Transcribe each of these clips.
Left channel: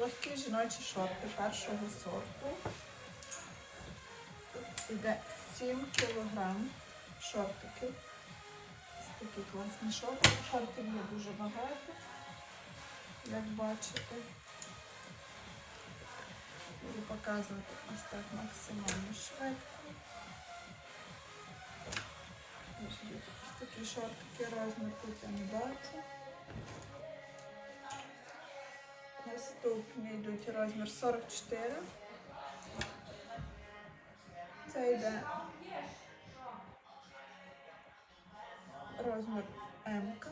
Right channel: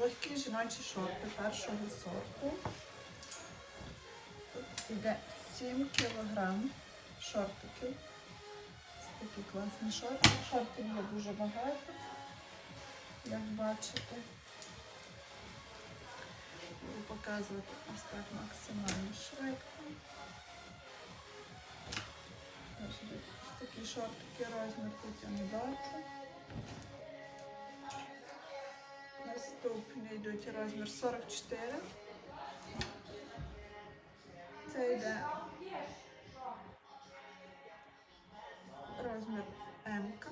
легкі жіночі шорти першого сорту. Тут іде 7 кг шортиків. Такі класні шорти. Шортів є дуже багато, як бачите. Буду показувати ось так максимально швидко. Ось такі шортики розмір тут я не бачу. Наступні йдуть розмір 44. Це йде розмір М. -ка.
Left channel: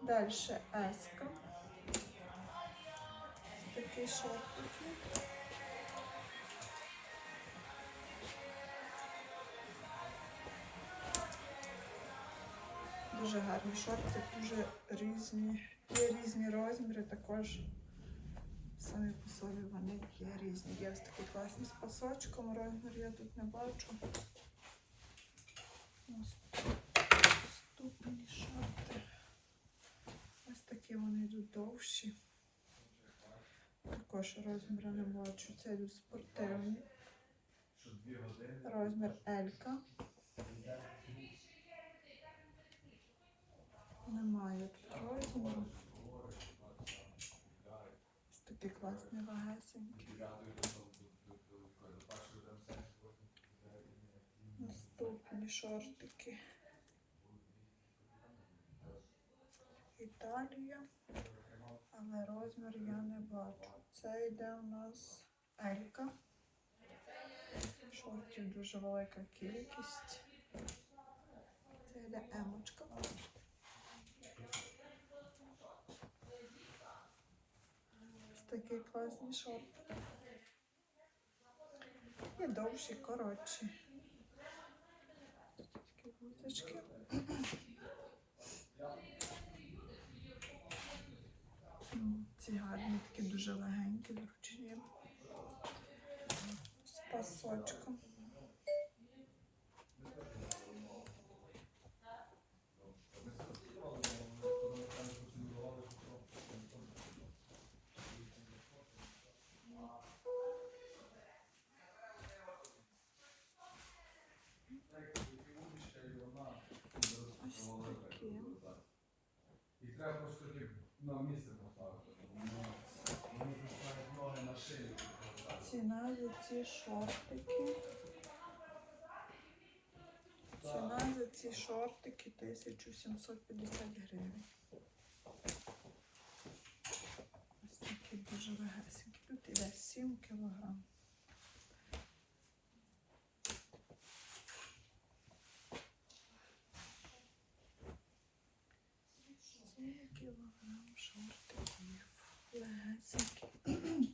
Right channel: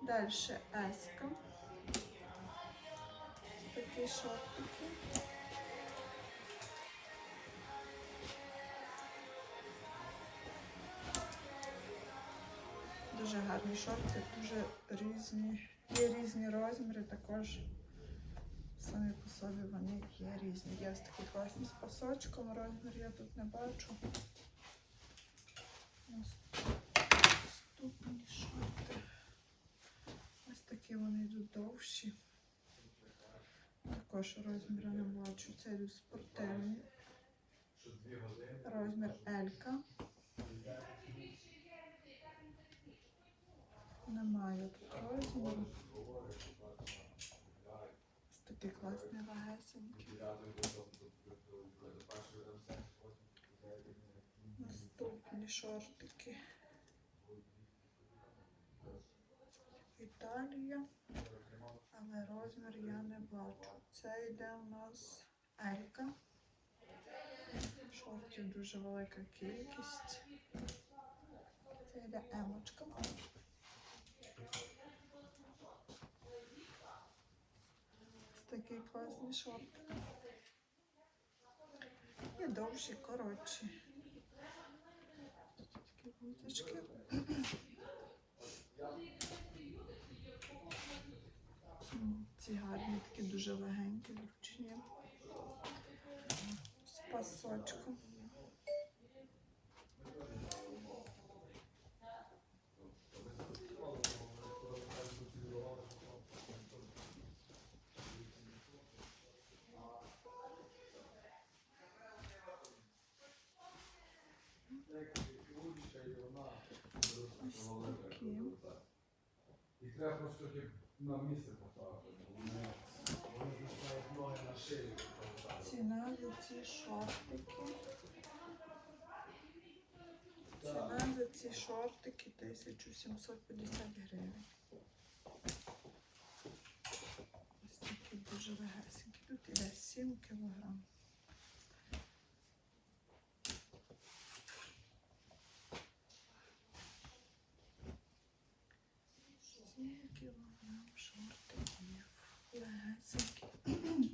Далі С. Такі шортики. Дуже гарні шорти, дуже різні. Є різні розміри, також самі по собі вони є різні. Є ось такі класні з пасочком, розмір я тут не бачу. Наступні шорти. Ось такі вони йдуть довші. Також розміри не бачу. Це йдуть спортивні. Розмір Елька. Немає тут розміру. Ось такі класні вагесенькі. Наступні шортики. Італія. Але розмір я не бачу. Це йде у нас Елька. Шортів дуже велика кількість. Це йде емочка. Ось такі класні шорти. І довші, коротші. Такі буточки. Ці гарні, такі дуже легенькі, зручні. З пасочком. Ось такі. Треба просто на місце поставити. Вони вони ноги на шию. Ціна за ці шортики. Ціна за ці шортики 1750 гривень. Ось такі дуже легесенькі. Тут іде 7 кілограм. Кілограм шортиків. Легесенькі.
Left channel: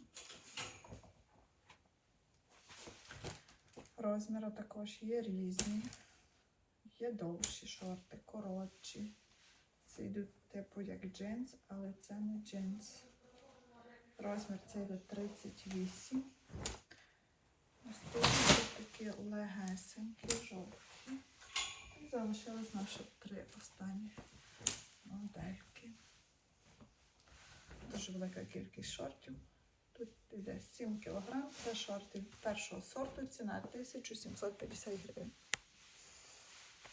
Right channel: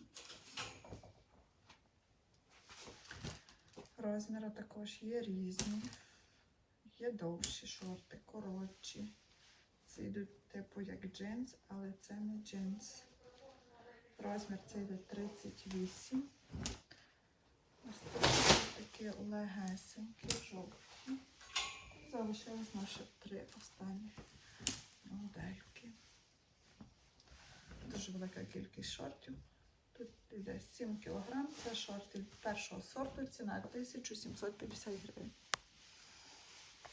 Розміри також є різні. Є довші шорти, коротші. Це йдуть типу як джинс, але це не джинс. Розмір це йде 38. Ось тут такі легесенькі, жовті. Залишились наші три останні модельки. Дуже велика кількість шортів. Тут йде 7 кг. Це шорти першого сорту, ціна 1750 гривень.